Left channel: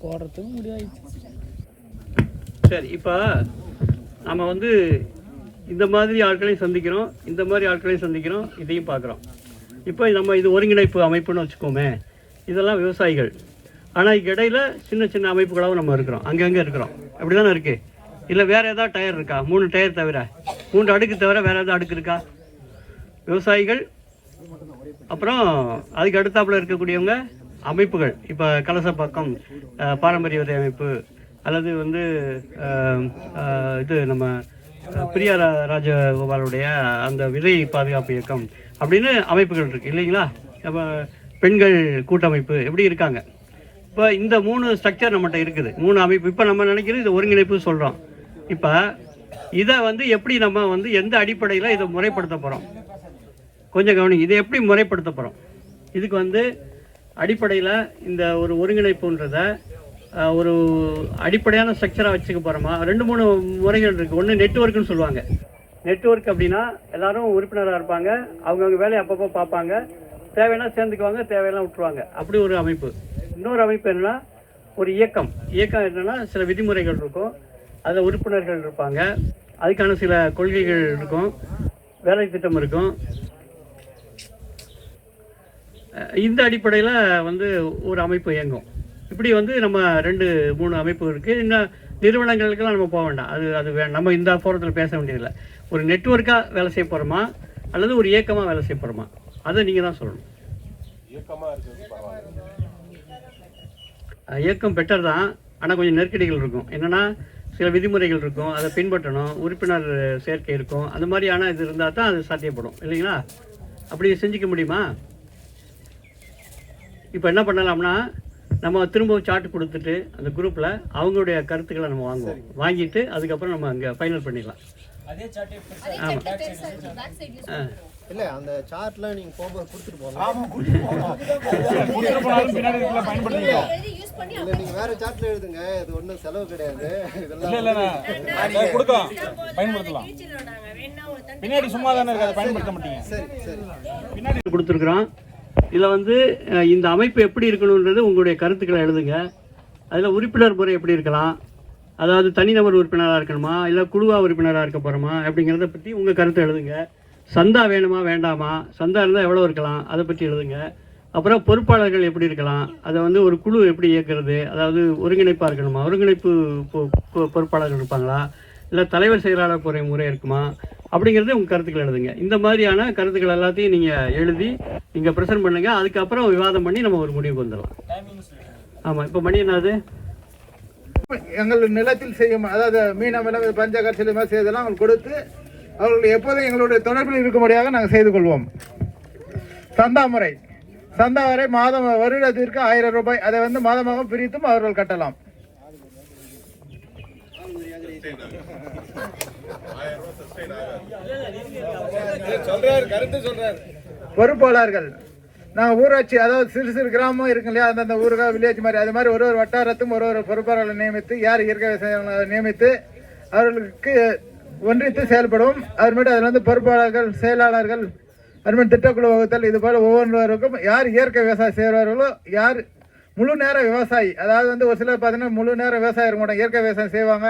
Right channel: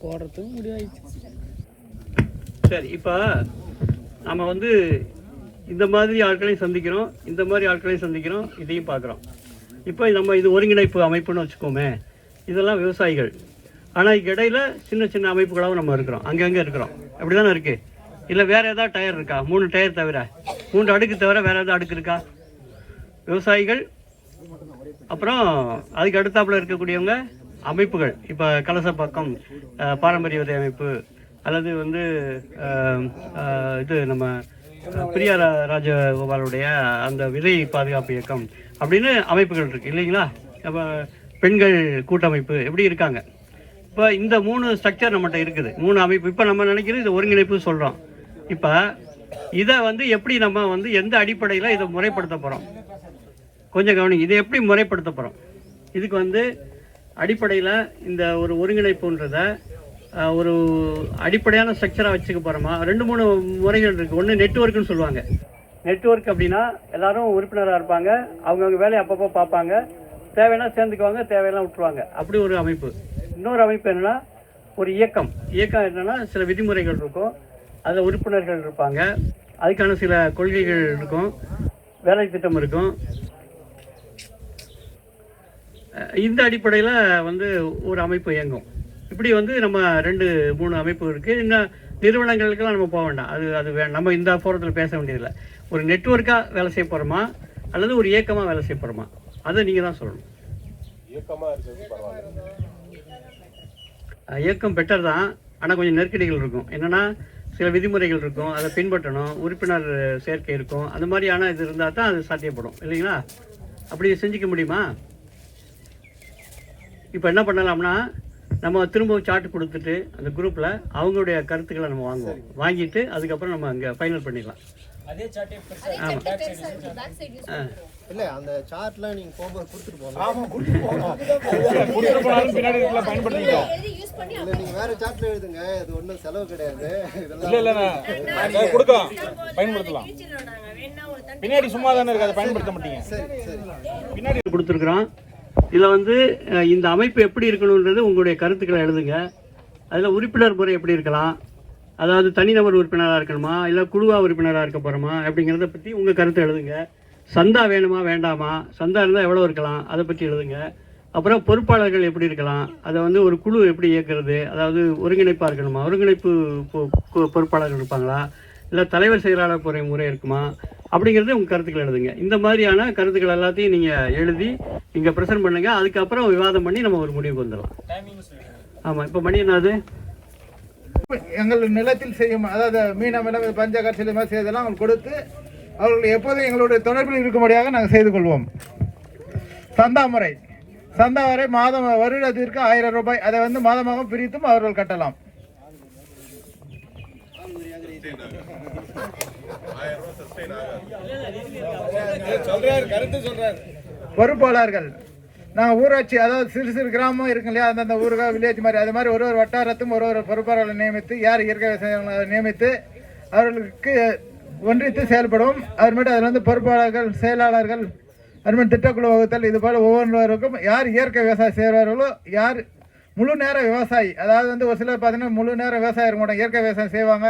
போடுறதுக்கும் முடியாது. சரி, இப்போ நம்ம வந்து இந்த மாதிரி ஆட்களையும் சந்திக்கிறோம், இந்த மாதிரி ஆட்களையும் சந்திக்கிறோம், இதையும் பார்க்குறோம். இப்போ நம்ம இது ஒருங்கிணைப்பு அமைப்புன்னு வச்சுக்கோமே, இதெல்லாம் விவசாயிகள். ஆனால் இதுக்கு இடையில் சின்ன சின்ன அமைப்புகளாகவும் நம்ம இருக்கிறோம், அங்கங்கே இருக்கிறோம். அப்படி தானே இருக்குது? இல்லை வேறு ஏதாவது டயர் இருக்கா? 3 டயர் தவிர, 3 அடுக்கு தவிர வேறு ஏதாவது அடுக்கு இருக்கா? விவசாயிகள், அப்புறம் அதுக்கு அடுத்தாப்புல இருக்கக்கூடியவங்க அமைப்புகள். இப்போ கலசப்பாக்கம் பாரம்பரிய விதை அமைப்பு, அல்லது வந்து இது நம்ம பிரியா ராஜகோபாலுடைய அந்த விதை பாதுகாப்பு இயக்கம் அப்படின்னு அமைப்புகள் இருக்குது இல்லைங்களா? நம்ம பெண்கள் கூட்டமைப்பு எப்படி இருக்காங்க. இப்போ இந்த 3 ஸ்ட்ரக்சர் நம்மகிட்ட இருக்குது, 3 அமைப்பு. இப்போ நம்ம நினைக்கிறது இது ஒருங்கிணைப்பு சொல்கிறோம். இப்போ இதை வந்து எப்படி நம்ம வந்து எந்த அடிப்படையில் இதை முறைப்படுத்த போகிறோம் கொஞ்சம் கவனிங்க. இதை எப்படி முறைப்படுத்த போகிறோம்? இதுக்கு வந்து அடிப்படையில் இந்த ஒரு ஒருங்கிணைப்புன்றதை ஒரு அடிப்படையான ஸ்ட்ரக்சராக வச்சுக்க போகிறோமா? 2-3 முறைகள் இருக்குது. ஒன்று நெட்வொர்க்குன்னு சொல்லுவாங்க. நெட்வொர்க் அப்படின்னா எல்லாரும் உறுப்பினராக இருப்பாங்க, அவங்கவுங்க வேலையை அப்பப்போ பார்ப்பாங்க, தேவைன்னா சேர்ந்துக்குவாங்க, தேவையெல்லாம் விட்டுருவாங்க. அப்படி ஒரு அமைப்பு. இன்னொரு அமைப்பு என்னென்னா ஒரு இயக்கம். இயக்கம் என்னென்னா சில விதிமுறைகள் இருக்கும், அதில் உறுப்பினர்கள் இருப்பாங்க, அதுக்கான சில கொள்கைகள் இருக்கும், வேலை திட்டம் இருக்கும். இந்த அடிப்படையில் வந்து ஒரு அமைப்பு இயங்கும். இப்படி வந்து நம்ம 2-3 அமைப்பு இருக்குது. இன்னும் நிறுவனங்களுக்கெல்லாம் நம்ம போக வேண்டாம், அது நம்ம இந்த ஃபோரத்தில் பேச வேண்டியதில்லை. ஒரு நெட்வொர்க்காக வேலை செய்ய போகிறோமா அல்லது ஒரு இயக்கமாக வேலை செய்ய போகிறோமா, அதை நீங்கள் தான் சொல்லணும். இயக்கம் பெட்டர் தான், ஆனால் கொஞ்சம் நெருக்கடிகள் இருக்கும். என்னென்னா சில விதிமுறைகள் இருக்கும், அதை பின்பற்றணும், உறுப்பினர் சேர்க்கை இருக்கும். அந்த மாதிரியான இது இருந்தால் தான் அது சாத்தியப்படும் இல்லைங்களா? அப்படி செஞ்சுக்க முடியுமா? இப்போ என்ன பண்ணலாம்னா, நம்ம திரும்ப சார்ட் கொடுத்துட்டு அந்த குரூப்பில் அவங்களுடைய கருத்துக்களை நம்ம வாங்குவோம். வாங்கிட்டு அதுக்கப்புறம் நம்ம அங்கே ஃபைனல் பண்ணிடலாம். ஆமாம், இல்லை அந்த சார்ட்லாம் நீங்கள் போகும்போது கொடுத்துட்டு போகலாம். இல்லை நீங்கள் வேறு சார்ட்டில் எழுதுங்க, இது ஒன்றும் செலவு கிடையாது. பின்னாடி சும்மா தானே இருக்காது, பயன்படுத்த மாட்டீங்க. சரி சரி, பின்னாடி கொடுத்துருக்குறோம். இதில் வந்து இந்த அமைப்பு எப்படி இருக்கணுன்றது உங்களுடைய கருத்துக்களை எழுதுங்க. அதில் உறுப்பினர் முறை எப்படி இருக்கலாம், அதாவது தனிநபர் உறுப்பினராக இருக்கணுமா இல்லை குழுவாக உறுப்பினராக இருக்க போகிறோமா அப்படிங்கிறத பற்றி உங்கள் கருத்தை எழுதுங்க. சந்தா வேணுமா வேண்டாமா, சந்தா இருந்தால் எவ்வளோ இருக்கலாம் அதை பற்றி எழுதுங்க. அப்புறம் பொறுப்பாளர்கள் எப்படி இருக்கலாம், அதை வந்து ஒரு குழு எப்படி இயக்கிறது, அதாவது ஒருங்கிணைப்பாக இருக்கணுமா, ஒருங்கிணைப்பு பொறுப்பாளர்கள் இருப்பாங்களா, இல்லை தலைவர் செயலாளர் முறை இருக்குமா, அப்படிங்கிறது உங்கள் கருத்துக்கள் எழுதுங்க. இந்த மாதிரியான கருத்துக்கள் எல்லாத்தையும் நீங்கள் எழுதி இங்கே ப்ரெசென்ட் பண்ணுங்க. அதுக்கப்புறம் விவாதம் பண்ணி நம்ம ஒரு முடிவுக்கு வந்துடலாம். ஆமாம், இப்போ மணி என்னது? எங்கள் நிலத்தில் செய்யும், அதாவது மீன விலங்கு பஞ்சகட்சி மாதிரி செய்தெல்லாம் அவங்களுக்கு கொடுத்து அவர்கள் எப்போதும் எங்களுடைய தொடர்பில் இருக்கும்படியாக நாங்கள் செய்து கொள்வோம். சந்தா முறை, சந்தா வரை மாதம் வருடத்திற்கு 1000 ரூபாய், அதை வந்து மாதமாக பிரித்தும் அவர்கள் கட்டலாம். பொறுப்பாளர்கள் நாங்கள் ஊராட்சி, அதாவது சிறு சிறு கிராமம் இருக்கு இல்லையா, அந்தந்த ஊருகா வில்லேஜ் மாதிரி, அது மாதிரி ஒரு வட்டாரத்தும் ஒரு பொறுப்பாளர்களை நியமித்து, யார் இயற்கை விவசாயிகளை நியமித்து அவர்களுக்கு ஒன்றித்து செயல்படும். அதுமாதிரி அதில் வந்து பொறுப்பாளர்கள், செயலாளர்கள், அதுமாதிரி திட்டக்குழு வகுத்தல், இது போல் ஒவ்வொருவருக்கும் யார் இயற்கை விவசாயம் செய்கிறார்களோ, யார் முழு நேர விவசாயி, அதாவது வந்து ஒரு சிலர் பார்த்தீங்கன்னா முழு நேர விவசாயம் இருக்க மாட்டாங்க, இயற்கை விவசாயம் செய்வாங்க,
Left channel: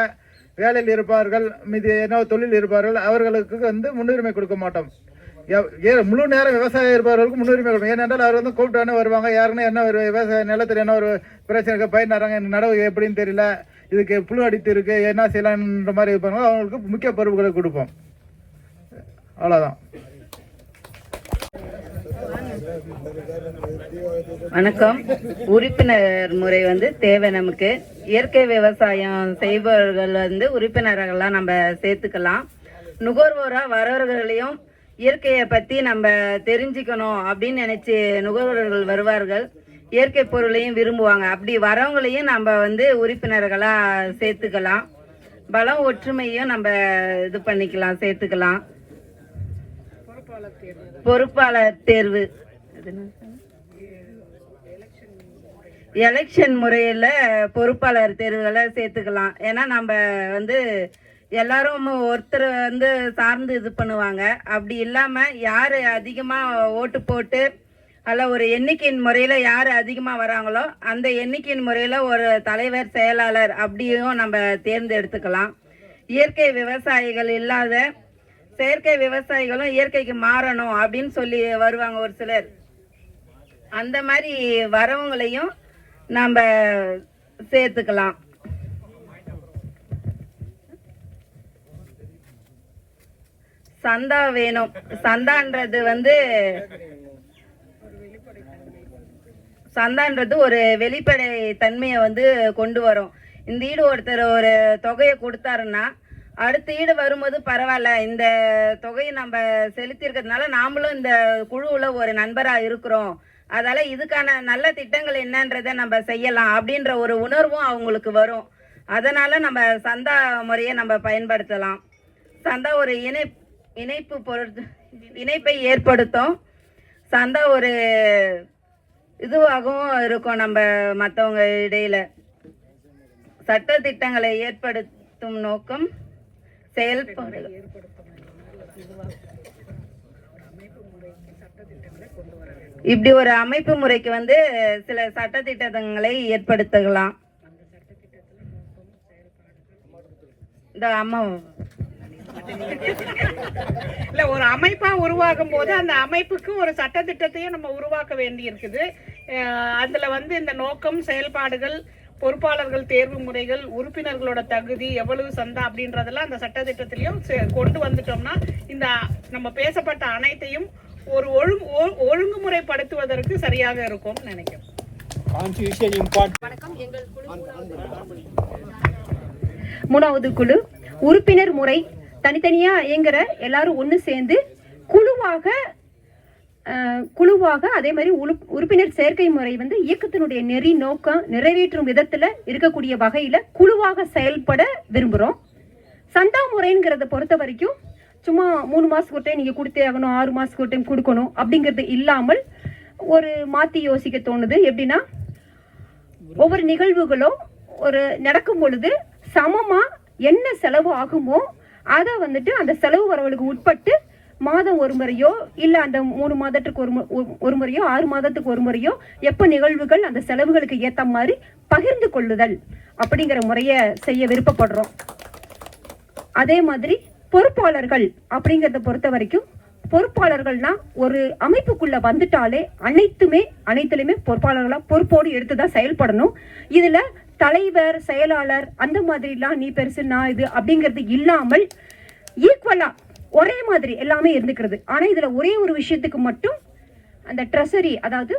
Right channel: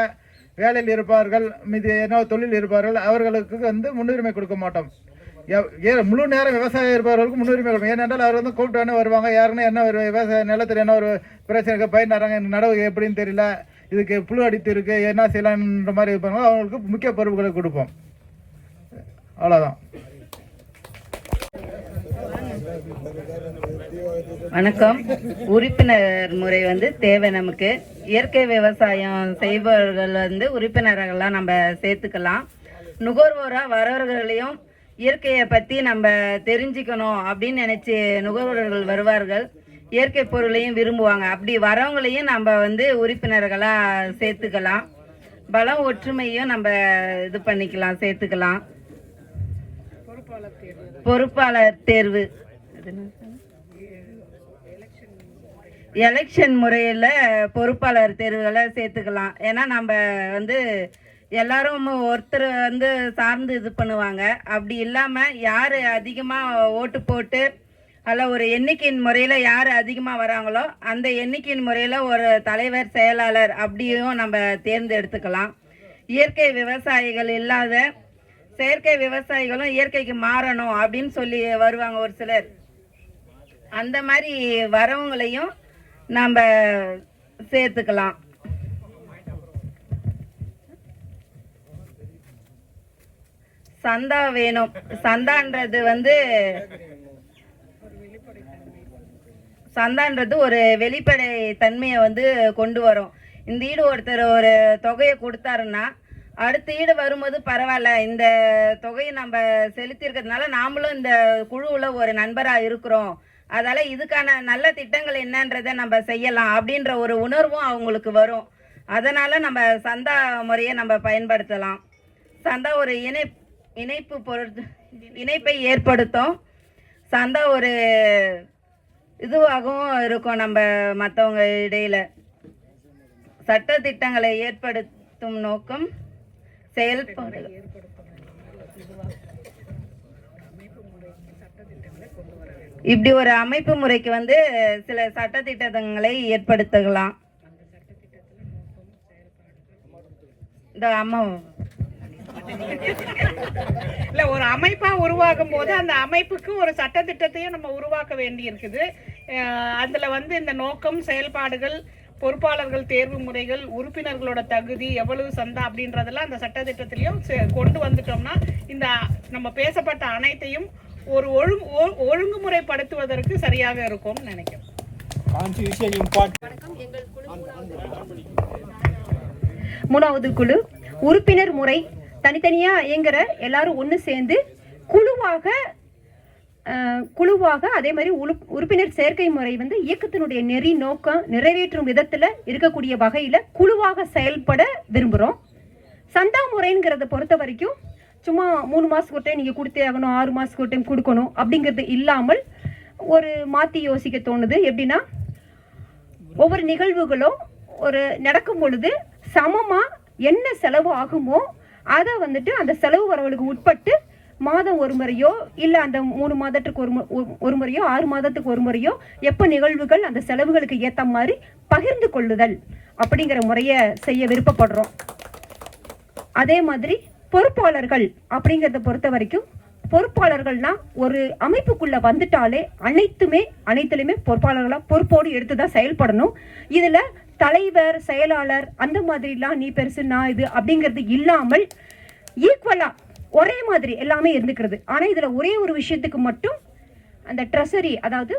வேலையில் இருப்பார்கள், மீது என்ன தொழில் இருப்பார்கள், அவர்களுக்கு வந்து முன்னுரிமை கொடுக்க மாட்டோம். முழு நேரம் விவசாயம் இருப்பவர்களுக்கு முன்னுரிமை கொடுக்கும். ஏனென்றால் அவர் வந்து கூப்பிட்டானே வருவாங்க, யாருன்னா என்ன ஒரு விவசாய நிலத்தில் என்ன ஒரு பிரச்சனை பயிர் நடுறாங்க, நடவு எப்படின்னு தெரியல, இதுக்கு புழு அடித்து இருக்கு, என்ன செய்யலான்ற மாதிரி இருப்பாங்க, அவங்களுக்கு முக்கிய பொறுப்புகளை கொடுப்போம். அவ்வளோதான். வணக்கம். உறுப்பினர் முறை வந்து தேவை நமக்கு. இயற்கை விவசாயம் செய்பவர்கள் வந்து உறுப்பினர்கள்லாம் நம்ம சேர்த்துக்கலாம். நுகர்வோராக வரவர்களையும் இயற்கையை பற்றி நம்ம தெரிஞ்சுக்கணும் அப்படின்னு நினச்சி நுகர்வோர்கள் வருவார்கள், இயற்கை பொருளையும் விரும்புவாங்க. அப்படி வரவங்களையும் நம்ம வந்து உறுப்பினர்களாக சேர்த்துக்கலாம். பலம் ஒற்றுமையும் நம்ம இது பண்ணிக்கலாம், சேர்த்துக்கலாம். பொறுப்பாளர் தேர்வு எலெக்ஷன் முறையில் பொறுப்பாளர் தேர்வுகளை சேர்த்துக்கலாம். ஏன்னா நம்ம வந்து எல்லாரும் ஒருத்தர் வந்து சார்ந்து இது பண்ணுவாங்க. அப்படி இல்லாமல் யார் அதிகமாக ஓட்டு போட்டு அல்ல ஒரு எண்ணிக்கையின் முறையில் யார் அதிகமாக வராங்களோ அந்த எண்ணிக்கையின் முறையில் ஒரு தலைவர் செயலாளர் அப்படியும் நம்ம தேர்ந்தெடுத்துக்கலாம். இயற்கை விவசாயிகள் இல்லாத செயற்கை விவசாயிகளும் இயற்கைக்கு மாறணும் அப்படின்னு சொல்லி வருவாங்க ஒரு சிலர். அந்த மாதிரி வரவங்களையும் நம்ம சேர்த்துக்கலாம். சந்தா வேணும். சந்தான்றது வந்து ஒரு வெளிப்படை தன்மையை வந்து கொண்டு வரும். இந்த ஈடு ஒருத்தர் ஒரு தொகையை கொடுத்தாருன்னா அடுத்த ஈடு வரும்போது பரவாயில்ல, இந்த தொகையை நம்ம செலுத்திருக்கிறதுனால நாமளும் இந்த குழுவில் ஒரு நண்பராக இருக்கிறோம், அதால இதுக்கான நல்ல திட்டங்கள் என்னன்றதை நம்ம செய்யலாம் அப்படின்ற ஒரு உணர்வும் அவங்களுக்கு வரும். அதனால நம்ம சந்தா முறையை நம்ம பயன்படுத்தலாம். சந்தா ஒரு இணைப்பை ஏற்படுத்தும். சந்தா ஒரு இதுவாகவும் இருக்கும் நம்ம மற்றவங்க இடையில. சட்ட திட்டங்களை ஏற்படுத்தும் நோக்கம் செயல்பாடு. இப்படி ஒரு அமைப்பு முறைக்கு வந்து சில சட்ட திட்டங்களை ஏற்படுத்தலாம். இல்ல, ஒரு அமைப்பா உருவாகும் போது அந்த அமைப்புக்கு ஒரு சட்ட திட்டத்தையும் நம்ம உருவாக்க வேண்டி இருக்குது. அதுல வந்து இந்த நோக்கம், செயல்பாடுகள், பொறுப்பாளர்கள் தேர்வு முறைகள், உறுப்பினர்களோட தகுதி, எவ்வளவு சந்தா அப்படின்றதெல்லாம் அந்த சட்ட திட்டத்திலையும் கொண்டு வந்துட்டோம்னா இந்த நம்ம பேசப்பட்ட அனைத்தையும் ஒரு ஒழுங்குமுறைப்படுத்துவதற்கு சரியாக இருக்கும் நினைக்கிறேன். வணக்கம். எங்கள் குழு மூணாவது குழு உறுப்பினர் முறை. தனித்தனியா இயங்குற எல்லாரும் ஒன்று சேர்ந்து குழுவாக அதே மாதிரி உறுப்பினர் சேர்க்கை முறை வந்து இயக்கத்தினுடைய நெறி நோக்கம் நிறைவேற்றும் விதத்துல இருக்கக்கூடிய வகையில குழுவாக செயல்பட விரும்புறோம். சந்தா முறைங்கிறத பொறுத்த வரைக்கும் சும்மா 3 மாசத்துக்கு ஒரு டைம் நீங்க கொடுத்தே ஆகணும், 6 மாசத்துக்கு ஒரு டைம் கொடுக்கணும் அப்படிங்கிறது இல்லாமல் ஒரு மாத்தி யோசிக்க தோணுது. எப்படின்னா, ஒவ்வொரு நிகழ்வுகளும் ஒரு நடக்கும் பொழுது சமமா என்ன செலவு ஆகுமோ அதை வந்துட்டு அந்த செலவு வரவுகளுக்கு உட்பட்டு மாதம் ஒரு முறையோ இல்ல அந்த 3 மாதத்துக்கு ஒரு முறையோ 6 மாதத்துக்கு ஒரு முறையோ எப்ப நிகழ்வுகள் அந்த செலவுகளுக்கு ஏத்த மாதிரி பகிர்ந்து கொள்ளுதல் அப்படிங்கிற முறைய செய்ய விருப்பப்படுறோம். அதே மாதிரி பொறுப்பாளர்கள் அப்படிங்கறத பொறுத்த வரைக்கும் பொறுப்பாளர்கள்னா ஒரு அமைப்புக்குள்ள வந்துட்டாலே அனைத்திலுமே பொறுப்பாளர்களா பொறுப்போடு எடுத்துதான் செயல்படணும். இதுல தலைவர், செயலாளர் அந்த மாதிரி எல்லாம் நீ பெருசு நான் இது அப்படிங்கிறது இல்லாமல் ஈக்குவலா ஒரே மாதிரி எல்லாமே இருந்துக்கிறது. ஆனா இதுல ஒரே ஒரு விஷயத்துக்கு மட்டும் அந்த ட்ரெஸரி, அதாவது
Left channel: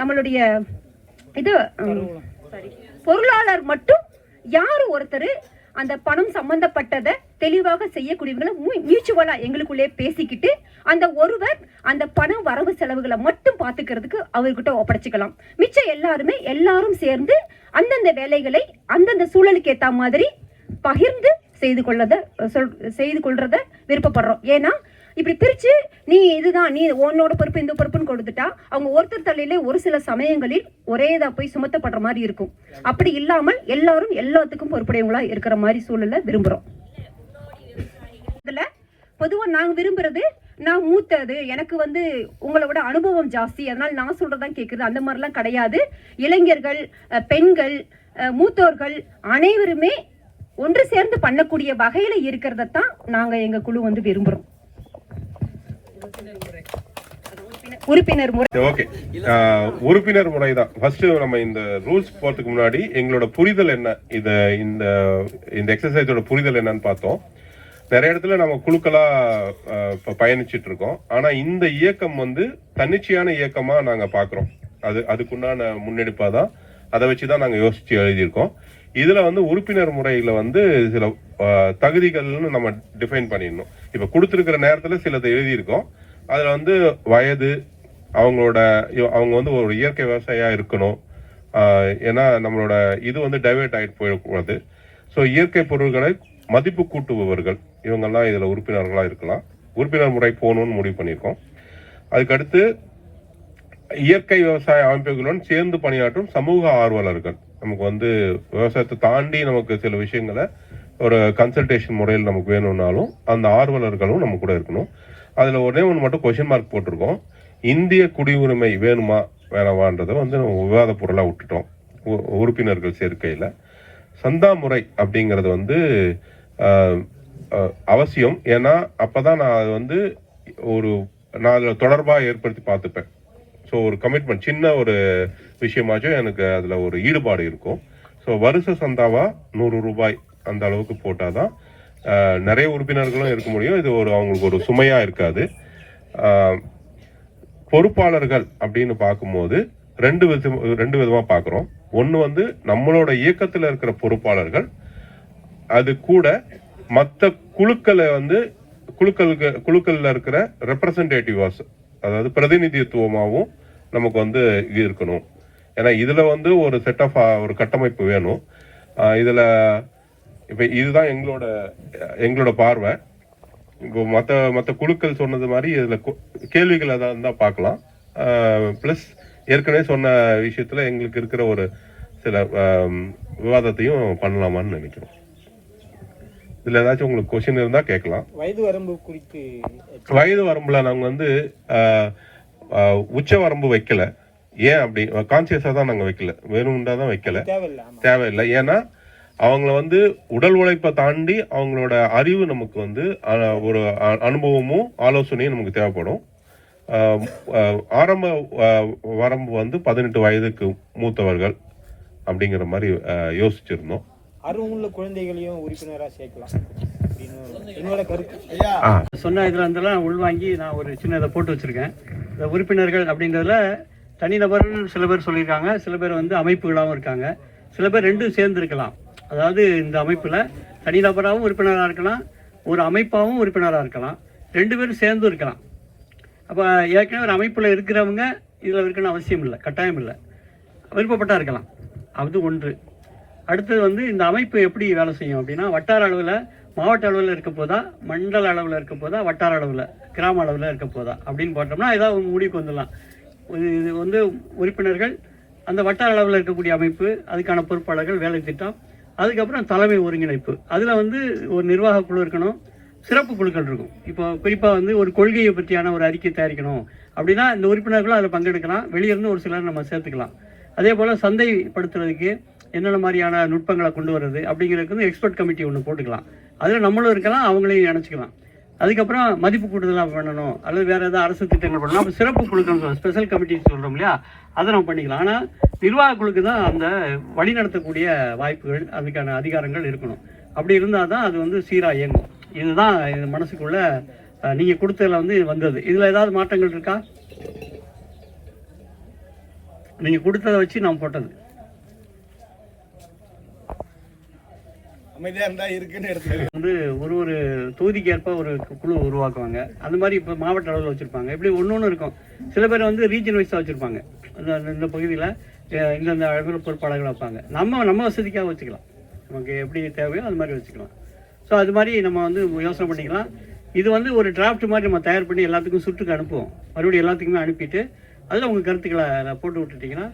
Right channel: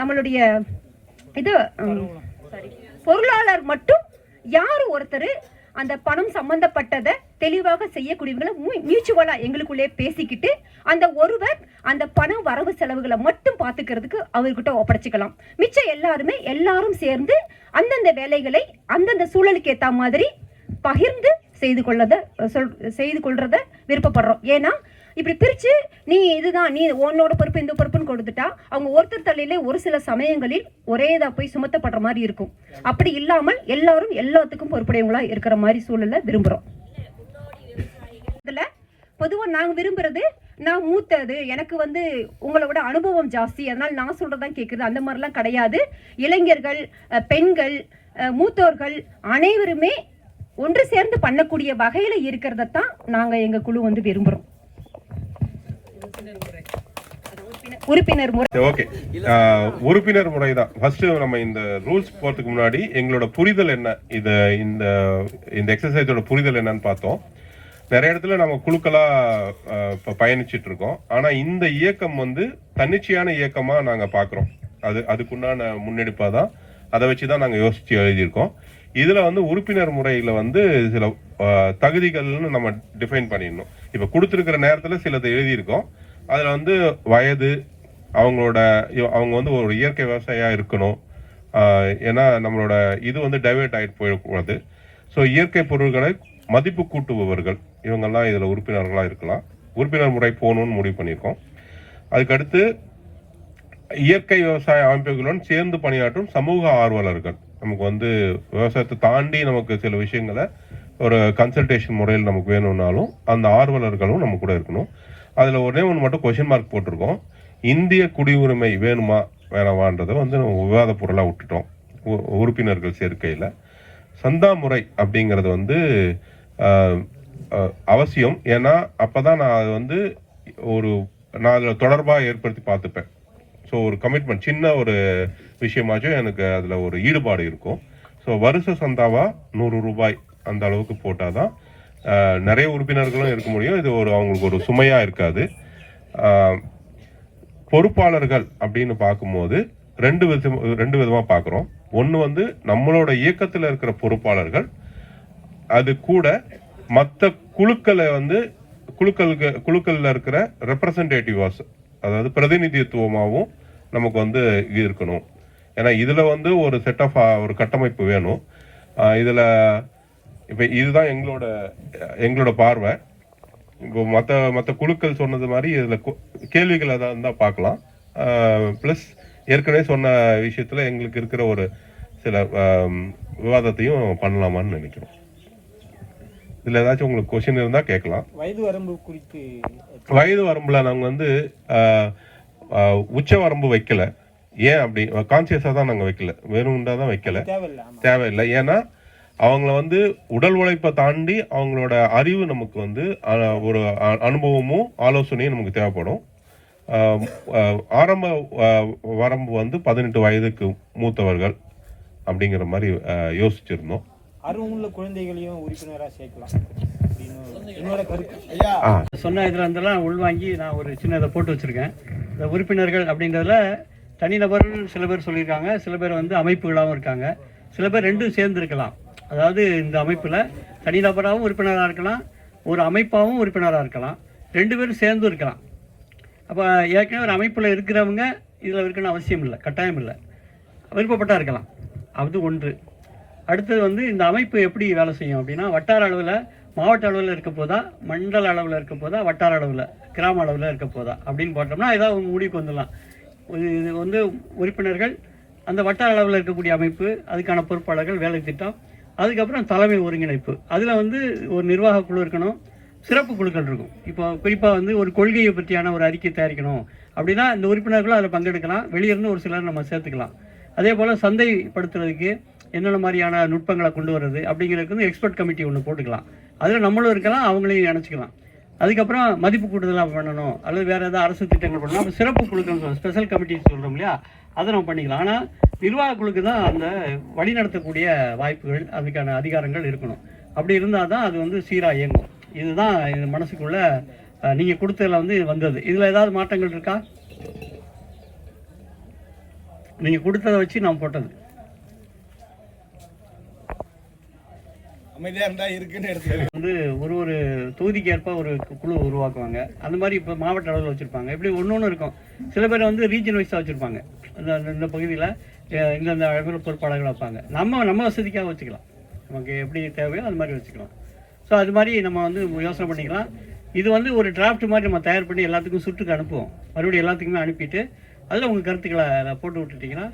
நம்மளுடைய இது பொருளாளர் மட்டும் யாரு ஒருத்தர் அந்த பணம் சம்பந்தப்பட்டதை தெளிவாக செய்யக்கூடியவர்களை மியூச்சுவலா எங்களுக்குள்ளே பேசிக்கிட்டு அந்த ஒருவர் அந்த பணம் வரவு செலவுகளை மட்டும் பாத்துக்கிறதுக்கு அவர்கிட்ட ஒப்படைச்சுக்கலாம். மிச்சம் எல்லாரும் சேர்ந்து அந்தந்த வேலைகளை அந்தந்த சூழலுக்கு ஏத்த மாதிரி பகிர்ந்து செய்து கொள்றத விருப்பப்படுறோம். ஏன்னா இப்படி பிரிச்சு நீ இதுதான், நீ உன்னோட பொறுப்பு இந்த பொறுப்புன்னு கொடுத்துட்டா அவங்க ஒருத்தர் தலையிலே ஒரு சில சமயங்களில் ஒரேதா போய் சுமத்தப்படுற மாதிரி இருக்கும். அப்படி இல்லாமல் எல்லாரும் எல்லாத்துக்கும் பொறுப்புடையவங்களா இருக்கிற மாதிரி சூழல விரும்புறோம். இதுல பொதுவா நாங்க விரும்புறது, நான் மூத்தது, எனக்கு வந்து உங்களை விட அனுபவம் ஜாஸ்தி, அதனால நான் சொல்றதான் கேட்குறது, அந்த மாதிரிலாம் கிடையாது. இளைஞர்கள், பெண்கள், மூத்தோர்கள் அனைவருமே ஒன்று சேர்ந்து பண்ணக்கூடிய வகையில இருக்கிறதான் நாங்க எங்க குழு வந்து விரும்புறோம். உறுப்பினர் முறை. ஓகே, உறுப்பினர் முறை தான் ஃபர்ஸ்ட். நம்ம இந்த ரூல்ஸ் போறதுக்கு முன்னாடி எங்களோட புரிதல் என்ன, இந்த எக்ஸசைஸோட புரிதல் என்னன்னு பார்த்தோம். நிறைய இடத்துல நம்ம குழுக்களா பயணிச்சுட்டு இருக்கோம். ஆனா இந்த இயக்கம் வந்து தன்னிச்சையான இயக்கமா நாங்க பாக்குறோம். அதுக்குண்டான முன்னெடுப்பா தான், அதை வச்சுதான் நாங்க யோசிச்சு எழுதியிருக்கோம். இதுல வந்து உறுப்பினர் முறையில வந்து சில தகுதிகள்னு நம்ம டிஃபைன் பண்ணிடணும். இப்ப கொடுத்துருக்கிற நேரத்துல சிலதை எழுதியிருக்கோம். அதுல வந்து வயது, அவங்க வந்து ஒரு இயற்கை விவசாயியா இருக்கணும். ஏன்னா நம்மளோட இது வந்து டைவர்ட் ஆகிட்டு போயிடக்கூடாது. ஸோ இயற்கை பொருட்களை மதிப்பு கூட்டுபவர்கள் இவங்கெல்லாம் இதில் உறுப்பினர்களாக இருக்கலாம். உறுப்பினர் முறை போகணும்னு முடிவு பண்ணியிருக்கோம். அதுக்கடுத்து இயற்கை விவசாய அமைப்புகளுடன் சேர்ந்து பணியாற்றும் சமூக ஆர்வலர்கள். நமக்கு வந்து விவசாயத்தை தாண்டி நமக்கு சில விஷயங்களை ஒரு கன்சல்டேஷன் முறையில் நமக்கு வேணும்னாலும் அந்த ஆர்வலர்களும் நம்ம கூட இருக்கணும். அதில் ஒரே ஒன்று மட்டும் கொஷின் மார்க் போட்டிருக்கோம். இந்திய குடியுரிமை வேணுமா வேணாமான்றதை வந்து நம்ம விவாத பொருளாக விட்டுட்டோம் உறுப்பினர்கள் சேர்க்கையில். சந்தா முறை அப்படிங்கிறது வந்து அவசியம். ஏன்னா அப்போதான் நான் அது வந்து நான் அதில் தொடர்பாக ஏற்படுத்தி பார்த்துப்பேன். ஸோ ஒரு கமிட்மெண்ட், சின்ன ஒரு விஷயமாச்சும் எனக்கு அதில் ஒரு ஈடுபாடு இருக்கும். ஸோ வருஷ சந்தாவா 100 ரூபாய் அந்த அளவுக்கு போட்டால் தான் நிறைய உறுப்பினர்களும் இருக்க முடியும். இது அவங்களுக்கு ஒரு சுமையாக இருக்காது. பொறுப்பாளர்கள் அப்படின்னு பார்க்கும்போது ரெண்டு விதமாக பார்க்குறோம். ஒன்று வந்து நம்மளோட இயக்கத்தில் இருக்கிற பொறுப்பாளர்கள், அது கூட மற்ற குழுக்களை வந்து குழுக்களில் இருக்கிற ரெப்ரசன்டேட்டிவாஸ், அதாவது பிரதிநிதித்துவமாகவும் நமக்கு வந்து இது இருக்கணும். ஏன்னா இதில் வந்து ஒரு செட் ஆஃப் ஒரு கட்டமைப்பு வேணும். இதில் இப்போ இதுதான் எங்களோட பார்வை. இப்போ மற்ற குழுக்கள் சொன்னது மாதிரி இதில் கேள்விகள் எதாவது இருந்தால் பார்க்கலாம். ப்ளஸ் ஏற்கனவே சொன்ன விஷயத்தில் எங்களுக்கு இருக்கிற ஒரு சில விவாதத்தையும் பண்ணலாமான்னு நினைக்கிறோம். இதில் ஏதாச்சும் உங்களுக்கு கொஸ்டின் இருந்தால் கேட்கலாம். வயது வரம்பு குறித்து வயது வரம்பில் நாங்கள் வந்து உச்ச வரம்பு வைக்கல. ஏன் அப்படி கான்சியஸாக தான் நாங்கள் வைக்கல, வேணும்டா தான் வைக்கல, தேவையில்லை. ஏன்னா அவங்கள வந்து உடல் உழைப்பை தாண்டி அவங்களோட அறிவு நமக்கு வந்து ஒரு அனுபவமும் ஆலோசனையும் நமக்கு தேவைப்படும். ஆரம்ப வரம்பு வந்து 18 வயதுக்கு மூத்தவர்கள் அப்படிங்கிற மாதிரி யோசிச்சிருந்தோம். அருமுள்ள குழந்தைகளையும் உறுப்பினராக சேர்க்கலாம் என்னோட கருத்து. சொன்ன இதில் இருந்தெல்லாம் உள்வாங்கி நான் ஒரு சின்ன இதை போட்டு வச்சுருக்கேன். இந்த உறுப்பினர்கள் அப்படின்றதுல தனிநபர் சில பேர் சொல்லியிருக்காங்க, சில பேர் வந்து அமைப்புகளாகவும் இருக்காங்க, சில பேர் ரெண்டும் சேர்ந்து இருக்கலாம். அதாவது இந்த அமைப்பில் தனிநபராகவும் உறுப்பினராக இருக்கலாம், ஒரு அமைப்பாகவும் உறுப்பினராக இருக்கலாம், 2 பேரும் சேர்ந்து இருக்கலாம். அப்போ ஏற்கனவே ஒரு அமைப்பில் இருக்கிறவங்க இதில் இருக்கணும்னு அவசியம் இல்லை, கட்டாயம் இல்லை, விருப்பப்பட்டா இருக்கலாம். அது ஒன்று. அடுத்தது வந்து இந்த அமைப்பு எப்படி வேலை செய்யும் அப்படின்னா, வட்டார அளவில் மாவட்ட அளவில் இருக்க போதா, மண்டல அளவில் இருக்க போதா, வட்டார அளவில் கிராம அளவில் இருக்க போதா அப்படின்னு போட்டோம்னா ஏதாவது முடிவுக்கு வந்துடலாம். இது வந்து உறுப்பினர்கள், அந்த வட்டார அளவில் இருக்கக்கூடிய அமைப்பு, அதுக்கான பொறுப்பாளர்கள், வேலை திட்டம், அதுக்கப்புறம் தலைமை ஒருங்கிணைப்பு. அதில் வந்து ஒரு நிர்வாக குழு இருக்கணும், சிறப்பு குழுக்கள் இருக்கும். இப்போ குறிப்பாக வந்து ஒரு கொள்கையை பற்றியான ஒரு அறிக்கை தயாரிக்கணும் அப்படின்னா இந்த உறுப்பினர்களும் அதில் பங்கெடுக்கலாம், வெளியிருந்து ஒரு சிலர் நம்ம சேர்த்துக்கலாம். அதே போல் சந்தைப்படுத்துறதுக்கு என்னென்ன மாதிரியான நுட்பங்களை கொண்டு வர்றது அப்படிங்கிறதுக்கு வந்து எக்ஸ்பர்ட் கமிட்டி ஒன்று போட்டுக்கலாம். அதில் நம்மளும் இருக்கலாம், அவங்களையும் நினச்சிக்கலாம். அதுக்கப்புறம் மதிப்பு கூட்டுதலாக பண்ணணும் அல்லது வேறு ஏதாவது அரசு திட்டங்கள் பண்ணணும், அப்போ சிறப்பு குழுக்கள் ஸ்பெஷல் கமிட்டி சொல்கிறோம் இல்லையா, அதை நம்ம பண்ணிக்கலாம். ஆனால் நிர்வாக குழுக்கு தான் அந்த வழி நடத்தக்கூடிய வாய்ப்புகள், அதுக்கான அதிகாரங்கள் இருக்கணும். அப்படி இருந்தால் தான் அது வந்து சீராக இயங்கும். இதுதான் இது மனசுக்குள்ளே நீங்கள் கொடுத்ததில் வந்து வந்தது. இதில் ஏதாவது மாற்றங்கள் இருக்கா? நீங்கள் கொடுத்ததை வச்சு நான் போட்டது வந்து ஒரு தொகுதிக்கு ஏற்ப ஒரு குழு உருவாக்குவாங்க. அந்த மாதிரி இப்போ மாவட்ட அளவில் வச்சுருப்பாங்க. இப்படி ஒன்று இருக்கும். சில பேர் வந்து ரீஜன் வைஸாக வச்சுருப்பாங்க. இந்த பகுதியில் இந்தந்த அளவில் பொறுப்பாளர்கள் வைப்பாங்க. நம்ம வசதிக்காக வச்சுக்கலாம், நமக்கு எப்படி தேவையோ அது மாதிரி வச்சுக்கலாம். ஸோ அது மாதிரி நம்ம வந்து யோசனை பண்ணிக்கலாம். இது வந்து ஒரு டிராஃப்ட் மாதிரி நம்ம தயார் பண்ணி எல்லாத்துக்கும் சுற்றுக்கு அனுப்புவோம். மறுபடியும் எல்லாத்துக்குமே அனுப்பிட்டு அதில் உங்கள் கருத்துக்களை போட்டு விட்டுட்டிங்கன்னா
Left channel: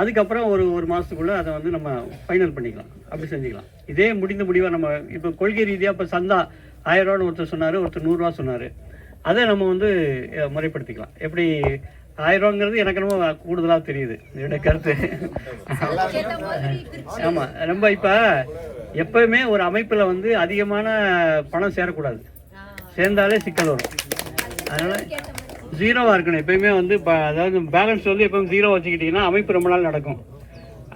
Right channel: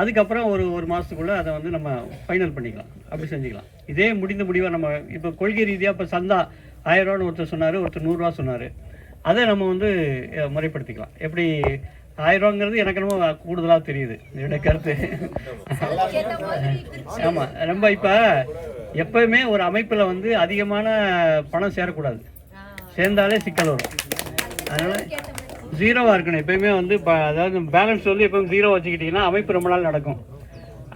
அதுக்கப்புறம் ஒரு மாதத்துக்குள்ளே அதை வந்து நம்ம ஃபைனல் பண்ணிக்கலாம். அப்படி செஞ்சுக்கலாம். இதே முடிந்த முடிவாக நம்ம இப்போ கொள்கை ரீதியாக இப்போ சந்தா 1000 ரூபான்னு ஒருத்தர் சொன்னார், ஒருத்தர் 100 ரூபா சொன்னார். அதை நம்ம வந்து முறைப்படுத்திக்கலாம். எப்படி 1000 ரூபாங்கிறது எனக்கு ரொம்ப கூடுதலாக தெரியுது என்னோட கருத்து. ஆமாம், ரொம்ப இப்போ எப்போயுமே ஒரு அமைப்பில் வந்து அதிகமான பணம் சேரக்கூடாது. சேர்ந்தாலே சிக்கல் வரும். அதனால் ஜீரோவாக இருக்கணும் எப்பயுமே வந்து. அதாவது பேலன்ஸ் வந்து எப்பவும் 0 வச்சுக்கிட்டிங்கன்னா அமைப்பு ரொம்ப நாள் நடக்கும்.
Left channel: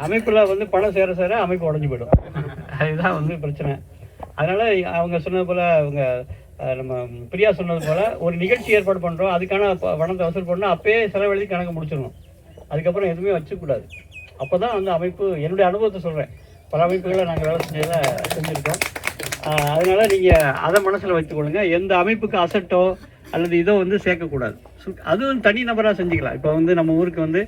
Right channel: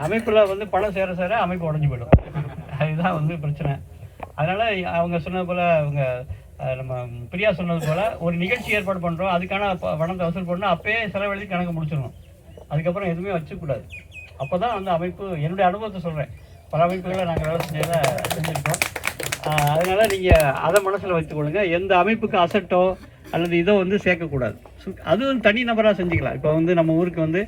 அமைப்பில் வந்து பணம் சேர அமைப்பு உடஞ்சி போயிடும். அதுதான் வந்து பிரச்சனை. அதனால் அவங்க சொன்னது போல், அவங்க நம்ம பிரியா சொன்னது போல் ஒரு நிகழ்ச்சி ஏற்பாடு பண்ணுறோம், அதுக்கான பணத்தை வசூல் பண்ணோம், அப்போயே செலவழித்து கணக்கு முடிச்சிடணும். அதுக்கப்புறம் எதுவுமே வச்சுக்கூடாது. அப்போ தான் அந்த அமைப்பு, என்னுடைய அனுபவத்தை சொல்கிறேன், பல அமைப்புகளை நாங்கள் வேலை செஞ்சுருக்கோம். அதனால் நீங்கள் அதை மனசில் வச்சுக்கொள்ளுங்க. எந்த அமைப்புக்கு அசட்டோ அல்லது இதோ வந்து சேர்க்கக்கூடாது. அதுவும் தனி நபராக செஞ்சுக்கலாம். இப்போ வந்து நம்ம ஊருக்கு வந்து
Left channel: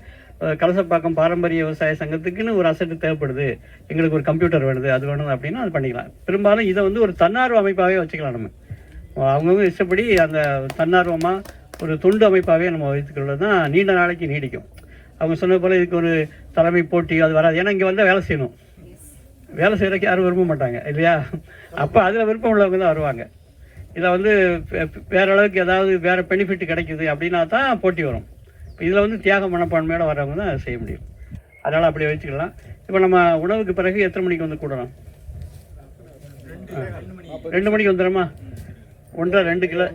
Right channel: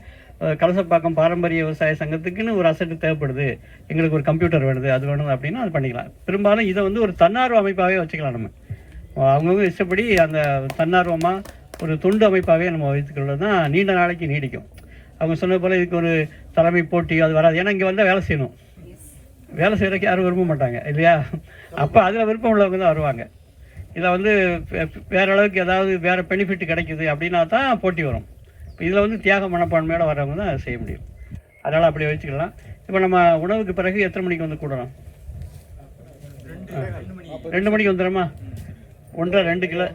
கலசப்பாக்கம் பாரம்பரிய விவசாய சங்கத்துக்குன்னு ஒரு அசட்டு தேவைப்படுது, எங்களுக்கு ஒரு கம்ப்யூட்டர் வேணுது, அது வேணும் அப்படின்னா அது பண்ணிக்கலாம். பெரும்பாலும் இதை வந்து ஒரு தன்னார்வ அமைப்பாகவே வச்சுக்கலாம். நம்ம அவங்கவுங்க இஷ்டப்படி அந்த தன்னார்வமாக ஒரு தொண்டு அமைப்பாகவே நம்ம வைத்துக்கிறது தான் நீண்ட நாளைக்கு நீடிக்கும். அவங்க சொன்ன போல் இதுக்கு ஒரு தலைமை போட்டி அது வராது. ஏன்னா இங்கே வந்தால் வேலை செய்யணும், வேலை செய்கிறதுக்கு யாரும் விரும்ப மாட்டாங்க இல்லையா? அப்போ அதில் விருப்பம் உள்ளவங்க தான் வருவாங்க. இதில் வந்து வேறு அளவுக்கு ஏதாவது வேறு பெனிஃபிட் கிடைக்குது அப்படின்னா தான் போட்டி வரும். இதில் வந்து தியாக மனப்பான்மையோட வரவங்க தான் செய்ய முடியும். அதனால் அப்படி வச்சுக்கலாம். இப்போ நம்ம உணவுக்கு பிறகு எத்தனை மணிக்கு வந்து கூடலாம்? 2 மணிக்கு வந்துடுமா? 1.5 2 கிலோ